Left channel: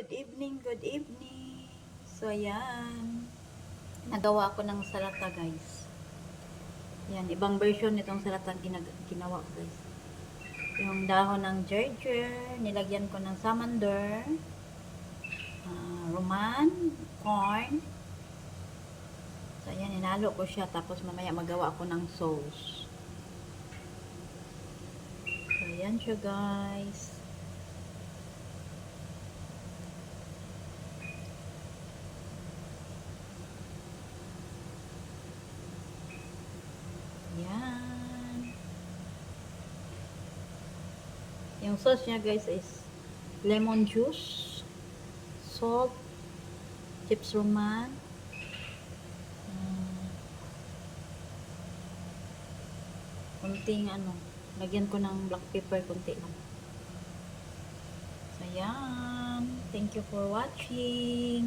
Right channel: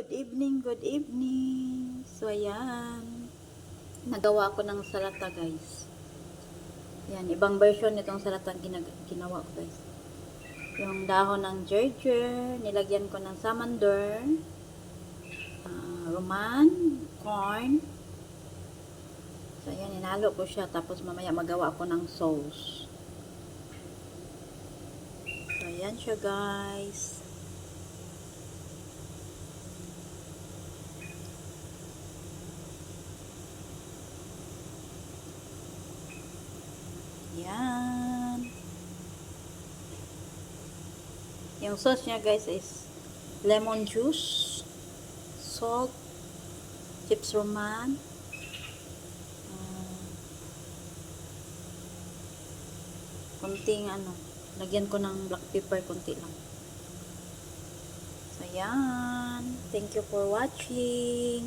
good evening, good evening. So, ayan. Nagawa ko ng salata, guys. Yan, ibang version nitong salata ginawa ko, guys. Yung dahon ng gerger, nilagyan ko ng samander, roman, corn. So, ayan, inalo ko siya. Tapos, mamaya magawa ko ng sauce. So, ayan siya, guys. Yan. Yung sauce niya, guys, is lemon juice, salt, chips roman, kunting lagyan ko ng black pepper kunti lang. So, yan. Thank you for watching.